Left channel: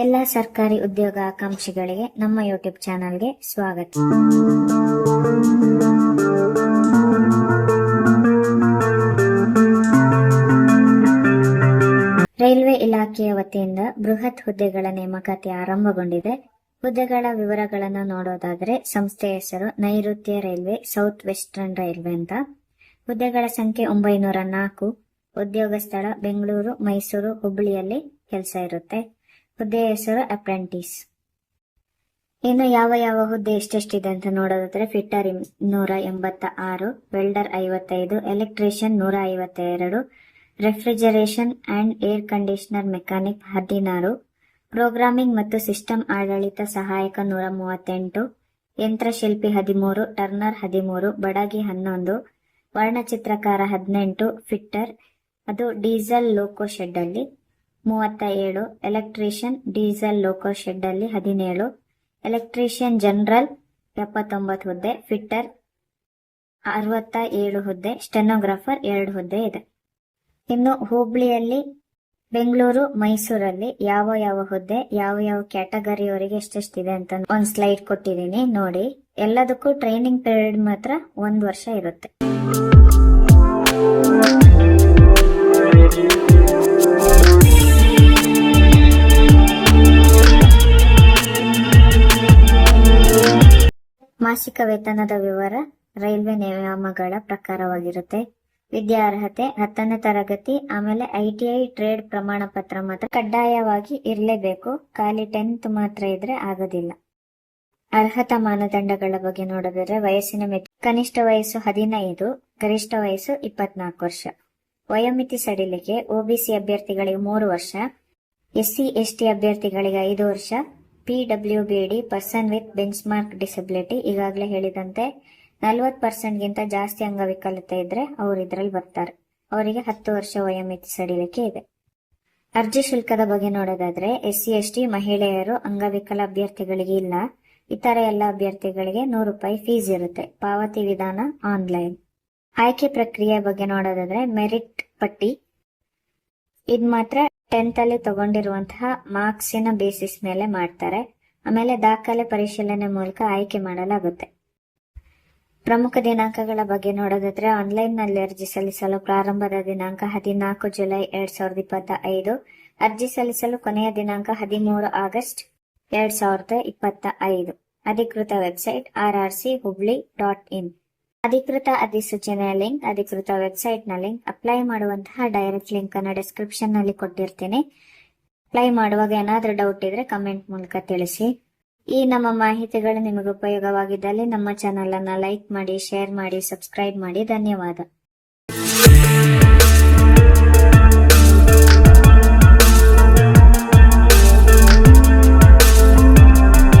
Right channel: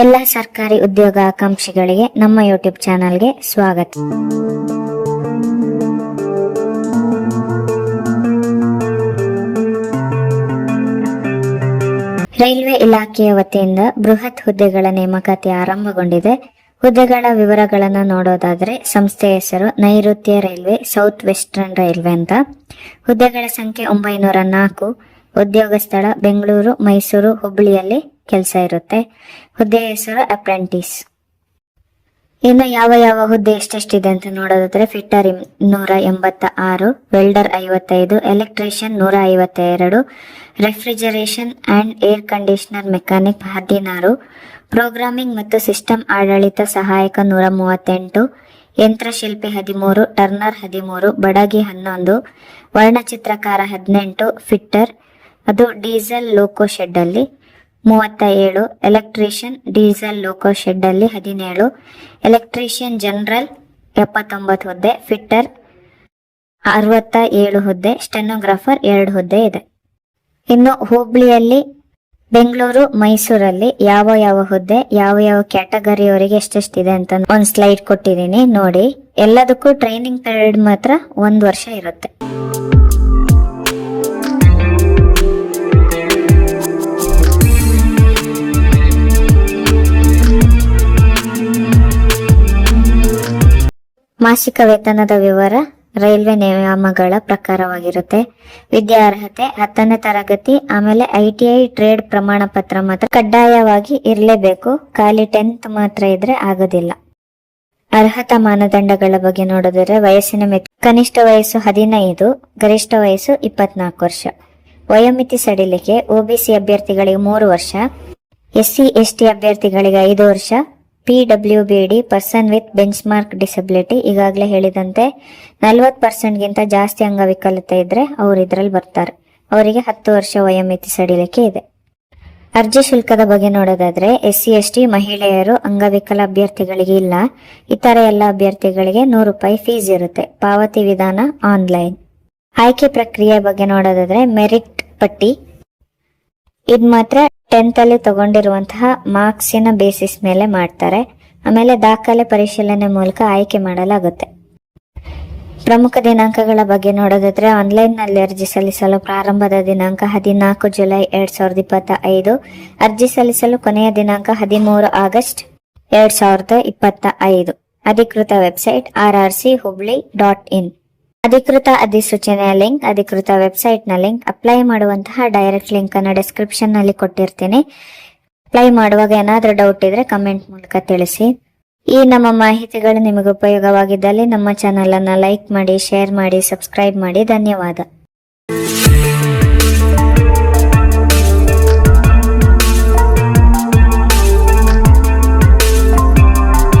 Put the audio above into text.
ಎಲ್ಲ ಸರ್ಕಾರಿ ಉದ್ಯೋಗ ಆಕಾಂಕ್ಷಿಗಳಿಗೆ ನಮ್ಮ ಯೂಟ್ಯೂಬ್ ಚಾನೆಲ್ಗೆ ಸ್ವಾಗತ. ರೈಲ್ವೆ ಇಲಾಖೆಯ ವತಿಯಿಂದ ಬೃಹತ್ ಹುದ್ದೆಗಳ ನೇಮಕಾತಿ ಆರಂಭಗೊಂಡಿದೆ. ಹುದ್ದೆಗಳ ವಿವರಗಳನ್ನು ನೋಡೋದಾದ್ರೆ ಸಂಸ್ಥೆಯ ಹೆಸರು ನೈಋತ್ಯ ರೈಲ್ವೆ, ಸೌತ್ ವೆಸ್ಟರ್ನ್ ರೈಲ್ವೆ ಅಂತ. ಹುದ್ದೆಗಳ ಸಂಖ್ಯೆ 904. ಉದ್ಯೋಗ ಸ್ಥಳ ಬೆಂಗಳೂರು, ಮೈಸೂರು, ಹುಬ್ಬಳ್ಳಿಯಲ್ಲಿ ಕೆಲಸ ಇರುತ್ತೆ. ಹುದ್ದೆಯ ಹೆಸರು ಅಪ್ರೆಂಟಿಸ್. ಇನ್ನು ಯಾವ ಯಾವ ಹುದ್ದೆ ಎಷ್ಟೆಷ್ಟಿದೆ ಅಂತ ನೋಡೋದಾದ್ರೆ fitter 286, welder 55, electrician 152, refrigeration and air conditioner mechanic 16, programming ಮತ್ತು ಸಿಸ್ಟಮ್ ಆಡಳಿತ ಸಹಾಯಕ 138, ಯಂತ್ರಶಿಲ್ಪಿ 13, ಟರ್ನರ್ 13, ಬಡಗಿ 11, ವರ್ಣಚಿತ್ರಕಾರ 18, ಫಿಟ್ಟರ್ ಅದು ಡೀಸೆಲ್ ಲೋಕೋ ಶೆಡ್ ಅಲ್ಲಿ 37, ಎಲೆಕ್ಟ್ರಿಷಿಯನ್ ಡೀಸೆಲ್ ಲೋಕೋ ಶೆಡ್ ಅಲ್ಲಿ 17, ಎಲೆಕ್ಟ್ರಿಷಿಯನ್ ಜನರಲ್ 79 ಹುದ್ದೆ, ಫಿಟ್ಟರ್ 67 ಹುದ್ದೆ, ಸ್ಟೆನೋಗ್ರಾಫರ್ 2 ಹುದ್ದೆ ಇದೆ. ಇನ್ನು ಹುಬ್ಬಳ್ಳಿಯಲ್ಲಿ, ಬೆಂಗಳೂರು, ಮೈಸೂರಲ್ಲಿ ಯಾವ ಯಾವ ಹುದ್ದೆ, ಯಾವ ಯಾವ ಕ್ಯಾಟಗರಿಯವರಿಗೆ ಎಷ್ಟೆಷ್ಟಿದೆ ಅಂತ ಒಂದು ಸ್ಲೈಡ್ ಕೊಟ್ಟಿದ್ದೀನಿ ನೋಡಿ. ಎಲ್ಲದಕ್ಕೂ ಟ್ರೈನಿಂಗ್ ಪೀರಿಯಡ್ ಮಾತ್ರ 1 ವರ್ಷ ಇರುತ್ತೆ. ಮಾಸಿಕ ವೇತನದ ವಿವರ ರೈಲ್ವೆ ನಿಯಮಗಳ ಪ್ರಕಾರವಾಗಿರುತ್ತೆ. ವಿದ್ಯಾರ್ಹತೆ 10ನೇ ತರಗತಿ, ಆಮೇಲೆ ITI ಟ್ರೇಡ್ ಪ್ರಮಾಣ ಪತ್ರ ಮಾತ್ರ ಕಡ್ಡಾಯವಾಗಿ ಇರಲೇಬೇಕು. ಖಾಲಿ 10th ಮಾತ್ರ ಇದ್ರೆ ಆಗೋದಿಲ್ಲ. ಅರ್ಹತಾ ಮಾನದಂಡಗಳ ಬಗ್ಗೆ ನೋಡಿದ್ರೆ ವಯಸ್ಸಿನ ಮಿತಿ ಕನಿಷ್ಠ ವಯಸ್ಸು 15, ಗರಿಷ್ಠ ವಯಸ್ಸು 24 ವರ್ಷ. ವಯೋಮಿತಿ ಸಡಿಲಿಕೆ OBC ಅಭ್ಯರ್ಥಿಗಳಿಗೆ 3 ವರ್ಷ, SC ST ಅಭ್ಯರ್ಥಿಗಳಿಗೆ 5 ವರ್ಷ, PWBD person with bench mark disability ಈಗಾಗಲೇ ಹೇಳಿದಂತೆ 40% ಗಿಂತ ಜಾಸ್ತಿ ಅಂಗವಿಕಲತೆ ಇದ್ರೆ ಅವರು ಇದ್ರಲ್ಲಿ ಬರ್ತಾರೆ. ಅವರಿಗೆ 10 ವರ್ಷ ವಯೋಮಿತಿ ಸಡಿಲಿಕೆ ಇದೆ. ಅರ್ಜಿ ಶುಲ್ಕದ ಬಗ್ಗೆ ನೋಡೋದಾದ್ರೆ SC ST ಮಹಿಳೆಯರು ಅಂಗವಿಕಲ ಅಭ್ಯರ್ಥಿಗಳಿಗೆ ಇಲ್ಲ. ಇತರ ಎಲ್ಲ ಅಭ್ಯರ್ಥಿಗಳಿಗೆ 100 ರೂಪಾಯಿ ಫೀಸ್ ಇರುತ್ತೆ. ಪಾವತಿ ವಿಧಾನ ಆನ್ಲೈನ್. ಆಯ್ಕೆ ಪ್ರಕ್ರಿಯೆ ಬಗ್ಗೆ ನೋಡೋದಾದ್ರೆ ಮೆರಿಟ್ ಪಟ್ಟಿ ಇದು ಮಾತ್ರ 10th ಅಲ್ಲಿ ತಗೊಂಡಿರುವಂತಹ ಮಾರ್ಕ್ಸಿನ ಬೇಸಿಸ್ ಮೇಲೆ ಮಾಡ್ತಾರೆ. ಆಮೇಲೆ ದಾಖಲೆ ಪರಿಶೀಲನೆ ಮೂಲಕ ಆಯ್ಕೆ ಮಾಡಲಾಗುತ್ತೆ. ಪ್ರಮುಖ ದಿನಾಂಕಗಳ ಬಗ್ಗೆ ನೋಡೋದಾದ್ರೆ ಆನ್ಲೈನ್ ನಲ್ಲಿ ಅರ್ಜಿ ಸಲ್ಲಿಸಲು ಪ್ರಾರಂಭದ ದಿನಾಂಕ 14 ಜುಲೈ 2025. ಅರ್ಜಿ ಸಲ್ಲಿಸಲು ಕೊನೆಯ ದಿನಾಂಕ 13 ಆಗಸ್ಟ್ 2025. ಅಧಿಕೃತ ವೆಬ್ಸೈಟ್ rrchubli.in. ಅಧಿಕೃತ ಅಧಿಸೂಚನೆಯ ಲಿಂಕ್, ಅಧಿಕೃತ ವೆಬ್ಸೈಟ್ ನ ಲಿಂಕ್, ಅಪ್ಲೈ ಮಾಡುವಂತಹ ಡೈರೆಕ್ಟ್ ಲಿಂಕ್ ಅನ್ನು ಡಿಸ್ಕ್ರಿಪ್ಷನ್ ನಲ್ಲಿ ಕೊಟ್ಟಿರ್ತೀನಿ. ಅಪ್ಲೈ ಮಾಡುವಾಗ ಏನಾದ್ರೂ ಡೌಟ್ ಇದ್ರೆ ಕಮೆಂಟ್ ಮೂಲಕ ತಿಳಿಸಿ. ಈ ನಮ್ಮ ಮಾಹಿತಿಗಳು ನಿಮಗೆ ಉಪಯೋಗವಾಗಿದ್ದಲ್ಲಿ ನಮ್ಮ ಚಾನೆಲ್ ಅನ್ನ ಲೈಕ್ ಮಾಡಿ, ಶೇರ್ ಮಾಡಿ, ಸಬ್ಸ್ಕ್ರೈಬ್ ಮಾಡಿ. ಧನ್ಯವಾದ.